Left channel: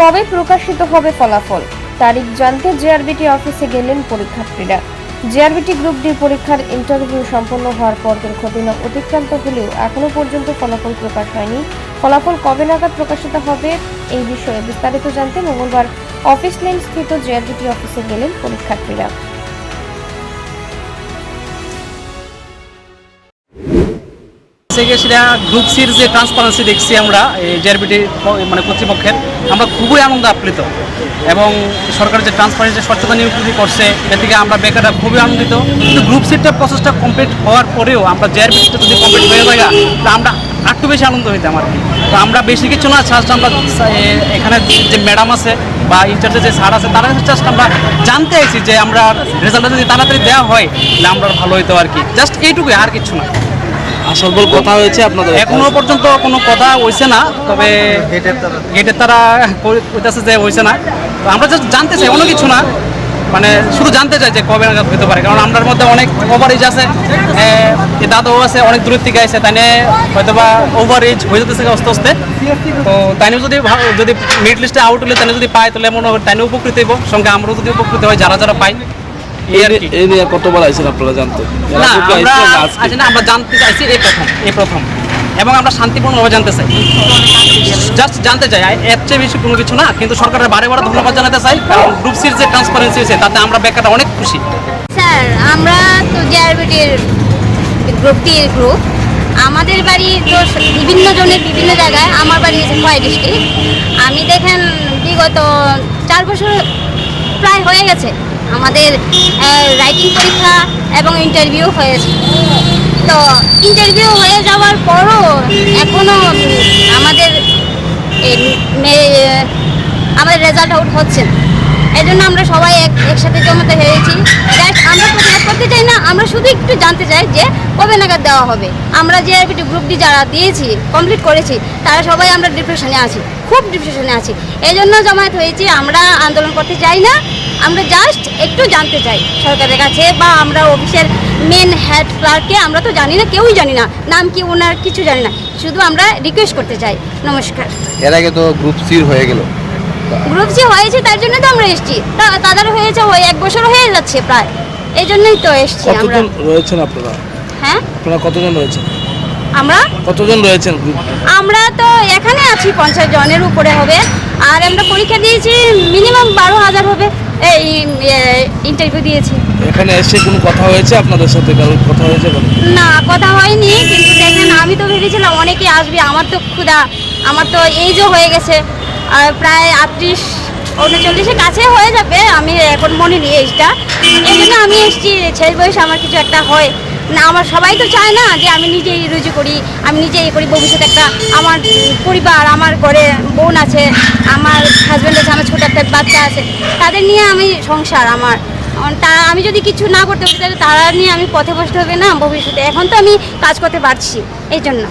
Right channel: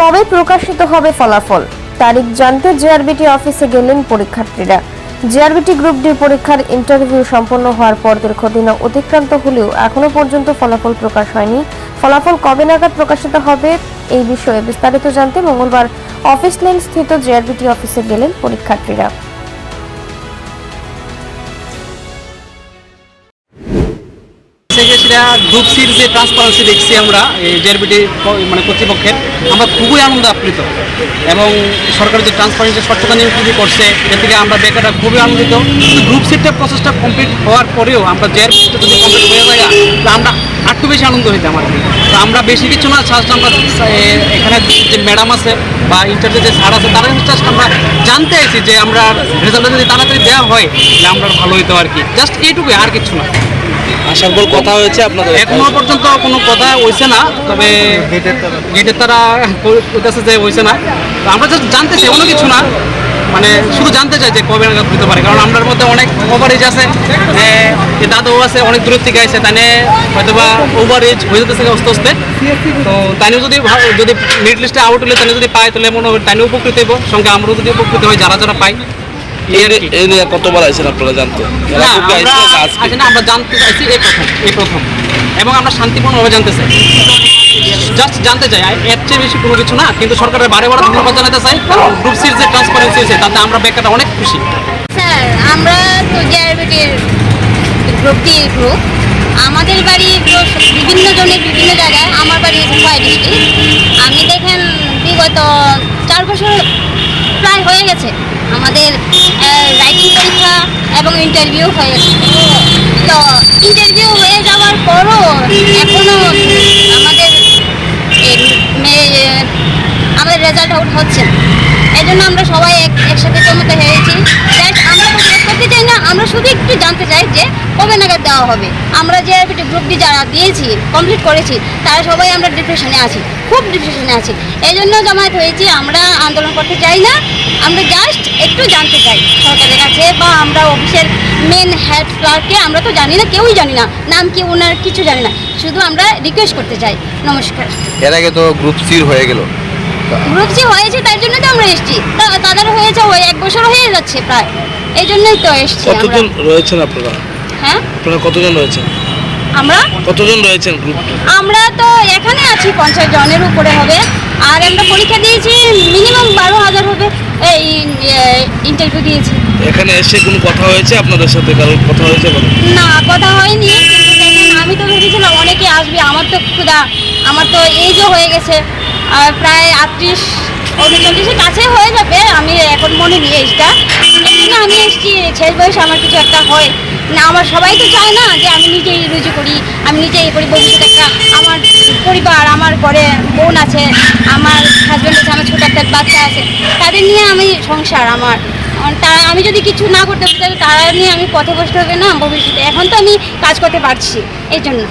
কবে প্রকাশিত হবে ফলাফল? তারিখ জানতে জেআরবিটি অফিসে গেলেন পরীক্ষার্থীরা। জেআরবিটি গ্রুপ ডি পরীক্ষার ইন্টারভিউ সম্পন্ন হওয়ার পর দীর্ঘদিন অতিক্রান্ত হলেও এখনও পর্যন্ত ফলাফল প্রকাশ হয়নি। ফলাফল কবে নাগাদ প্রকাশিত হবে এই বিষয়ে বিস্তারিত জানতে মঙ্গলবার অফিস লেন স্থিত জেআরবিটি অফিসে গেলেন পরীক্ষার্থীরা। থেকে সেটা গ্রুপ যে ট্রান্সপারেন্সি দেখছি আমরা জেআরবিটি মানে কর্তৃপক্ষের। আমরা খুবই আনন্দ আপ্লুত। এবং সরকার যে ট্রান্সপারেন্সি স্বচ্ছতা নিয়োগ করছে, এর থেকে আমরা বেকাররা খুবই আনন্দিত। কিন্তু গ্রুপ সিটটা প্রসেসটা কমপ্লিট হওয়ার পরেও আমরা জেআরবি সিটটা যদি কমপ্লিট হয়ে যায় তা আমরা আরটু বেশি আনন্দ হইতাম আর কি। তো আমরা বেশি কিছু না জাস্ট আমরা এখানে যে ম্যাডাম আছে বা ইন্টারভিউ যে স্যার আছে, তারা জাস্ট আমরা জানতে আইছি যে আমরা রেজাল্টটা যদি তাড়াতাড়ি দেওয়া হয়, তাহলে আমরা ভালো হইতো আর কি। জাস্ট এইটুকুই, আর কিছু না। আসার কথা হয়েছে আপনাদের এখনও পর্যন্ত কোনো কথা হইছে না তবে গেটের তারা। কইতাছে যে হইছে না। আমরা জাস্ট জানতে চাই অন্য কিছু না মানে শুধু জানতে চাই যে কবে নাগাদ হইতে পারে কারণ আমরার মধ্যে অনেক ওভার এজ আছে যে দাদু আছে অনেক দূরের থেকে আছে তাই হয়তো বা ওভার এজ হয়ে যেতেছে আস্তে আস্তে। তো তাই যদি যদি মিড লিস্টে আউট হলে তাই যদি পায় তাহলে মনে হয় তাই উপকৃত হইব। সঙ্গে আমরাও যদি উপকৃত হয় যারা যারা পাই কি। নিয়ে কতবার আইছেন আপনারা জানতে? না আমরা? আচ্ছা না আমরা জানতে চাইছি এই প্রথম এই প্রথম। এবং আমরা শান্তিপূর্ণভাবে জানতে চাই। জাস্ট জানতে চাই এর চেয়ে বেশি কোনো কিছু না কিন্তু সরকারের বারে বারে ধন্যবাদ জানাতে চাই কারণ গ্রুপ সির যে ট্রান্সপারেন্সি হয়েছে তাতে আমরা বেকাররা অনেক খুশি। স্যার আমরা তো জেআরবিটির গ্রুপ ডি গ্রুপ আমাদের বাড়ি তো বিভিন্ন জনের বিভিন্ন জায়গায় আমার বাড়ি কয় ডিস্ট্রিক্ট আমি দেখেন বিগত চার বছর প্রায় হয়ে গেছে। আমাদের রাইটিং পরীক্ষা এবং ইন্টারভিউ হয়েছে তো ইন্টারভিউ হয়ে যাওয়ার পরও এখনও আমাদের আমাদের রেজাল্ট আউট হচ্ছে না। এই আমরা সবাই এক- একসাথে জমাতে হয়েছি করতে চাই না? আমরা শুধু একটু জানতে চাই যে কবে নাগাদ দেওয়া হবে? আমরা যে গ্রুপ ডি যারা দিয়েছি কমপ্লিট করেছি, তারা সবাই আমরা ডিপ্রেশনে আছি, খুব ডিপ্রেশনে আছি। এই জন্য জমায়েত হয়েছি, আমরা আন্দোলন করতে চাই না। আমরা জাস্ট একটু জানতে চাই সরকারের কাছে বা আমরা অফিসের মেন হেড ক্লার্ককে আমরা তো জানি না, কেউই জানি না। নাম কি ওনার, কিছু জানি না। শুধু আমরা রিকোয়েস্ট করতে চাই। নমস্কার। এর আগে তো গ্রুপ সির হয়ে গেল। গ্রুপ সি হয়েছে তার জন্য তো আমরা এসেছি। তা- তাদের হয়েছে ওই এক বছর হয়ে যাচ্ছে প্রায়। এই জন্যই তো এসেছি আমরা। কতজন রয়েছেন আপনারা? হ্যাঁ? আপনারা কতজন রয়েছেন? আমরা? কতজন রয়েছেন গ্রুপ আমরা তো এখানে আছি পঞ্চাশ জনের উপরে হবে। আর আমরা পরীক্ষা দিয়েছি মিনিমাম বারো হাজার হবে। এই ইন্টারভিউ দিয়েছি। এখানে এসে কোনো কথা হয়েছে আপনাদের সাথে? কারোর কথা হয়েছে না কথা হয়নি কিন্তু দেখেন আমি তো ভেবেছিলাম অনেকে আসবে। আমার তো ক্ষুধা আমার তো এজও হয়ে গেছে। প্রায় আটত্রিশ উনচল্লিশের কাছে হয়ে যাবে। আমি এখন মনে নিয়ে এসটা এই জন্য আমি এসেছি, শেষ বয়সে আমার কিছু একটা হয়। না, আমার সবাই তো চায় না যে আমি নিজেই রুজু করি। আমি নিজেই করি, ভবিষ্যতে একটা আমার পরিবার, আমার ঘরে বোন আছে, আমার হাজব্যান্ড আছে, আমার ছোটো একটা বাচ্চা আছে, তাদের নিয়ে আমি সংসার আমার। তা, আমি যদি কিছু না করতে পারি, তাহলে তারা নিয়ে আমি পথে বসতে হবে না ভবিষ্যতে। এখন তো আমি কাজ করতে পারছি, এই জন্য।